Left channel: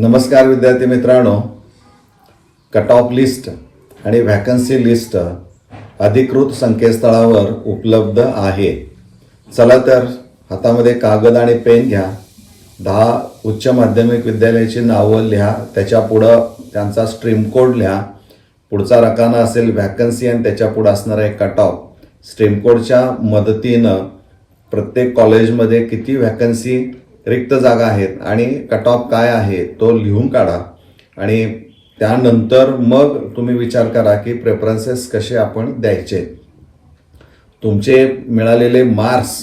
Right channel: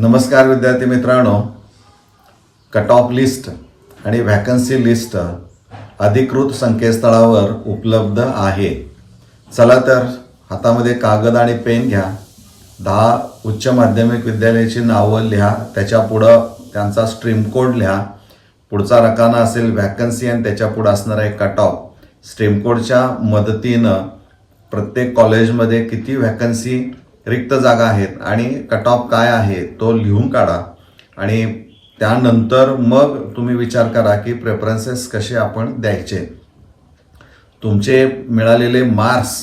नमस्कार विद्यार्थी मित्रांनो. कट ऑफ लिस्ट आणि व्हॅकन्सी लिस्ट अधिकृत संकेतस्थळावर उपलब्ध आहे. चला तर हातामध्ये कागद आणि पेन घ्या. दहा उच्च माध्यमिक विद्यालयाची नावं लिहा. त्याच्या पुढं त्यांचा स्ट्रीम कोड लिहा. पुढचा रकाना असेल व्हॅकन्सी आणि त्याच्या पुढं असणारा एक कट ऑफ स्ट्रीम कोडच्या मदतीनं प्रत्येक कॉलेजमध्ये किती व्हॅकन्सी रिक्त जागा आहेत आणि कट ऑफ काय आहे तो लिहून काढा. आणि त्यानंतर मग तुम्ही विचार करा की प्रेफरन्सेस कसे आपण द्यायचे. तुमचे मिळालेले मार्क्स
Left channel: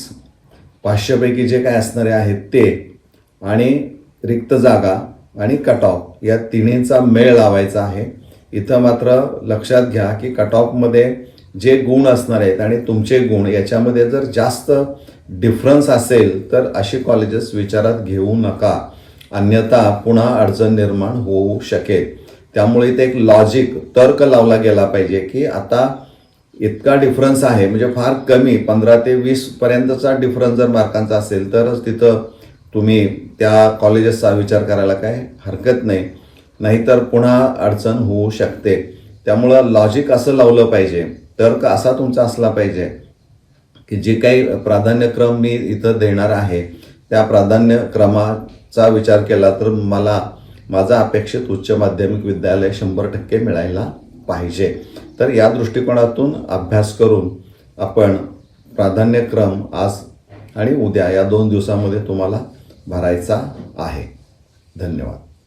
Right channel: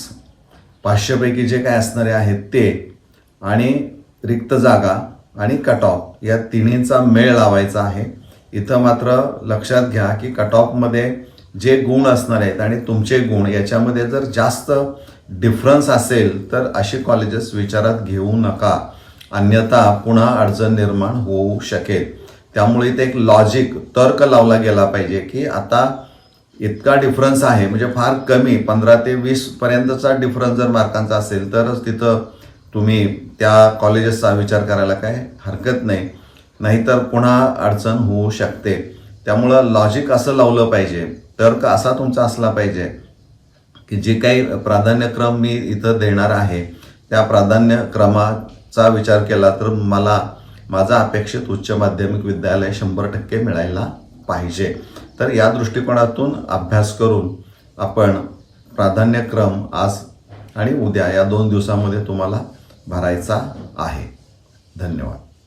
पाचशेपैकी जे काय असणारे आहेत ते आणि रिक्त जागा आणि कट ऑफ या तिन्हींचा मेळ लावायचा आहे. इथं मात्र लक्षात घ्या की कट ऑफमध्ये जे गुण असणार आहेत आणि तुमचे गुण याच्यामध्ये जर जास्त डिफरन्स असेल तर अशी कॉलेजेस विचारात घेऊ नका. अन्यथा पुन्हा अडचण निर्माण होऊ शकेल. त्यामुळे इथे एक लॉजिक तर्क लावला गेला पाहिजे की आता इतका डिफरन्स आहे म्हणजे फार कमी पंधरा ते वीस पर्यंतचा डिफरन्स जर मार्कांचा असेल तरच तिथं तुम्ही त्या कॉलेजेसचा विचार करायला काय हरकत नाही. नाहीतर पुन्हा अडचण होऊ शकते. त्यामुळं लॉजिक असं लावलं पाहिजे. तर्क असा तुमचा असला पाहिजे की जे काही प्राधान्यक्रम मी इथं देणार आहे त्या प्राधान्यक्रमाचा विचार केला तर मला माझा अपेक्षित उच्च माध्यमिक विद्यालय शंभर टक्के मिळायला पाहिजे. तर या दृष्टिकोनातून अभ्यास करून आपण प्राधान्यक्रम आज आणि उद्या या दोन दिवसामध्ये तुम्हाला भरायचा आहे. धन्यवाद.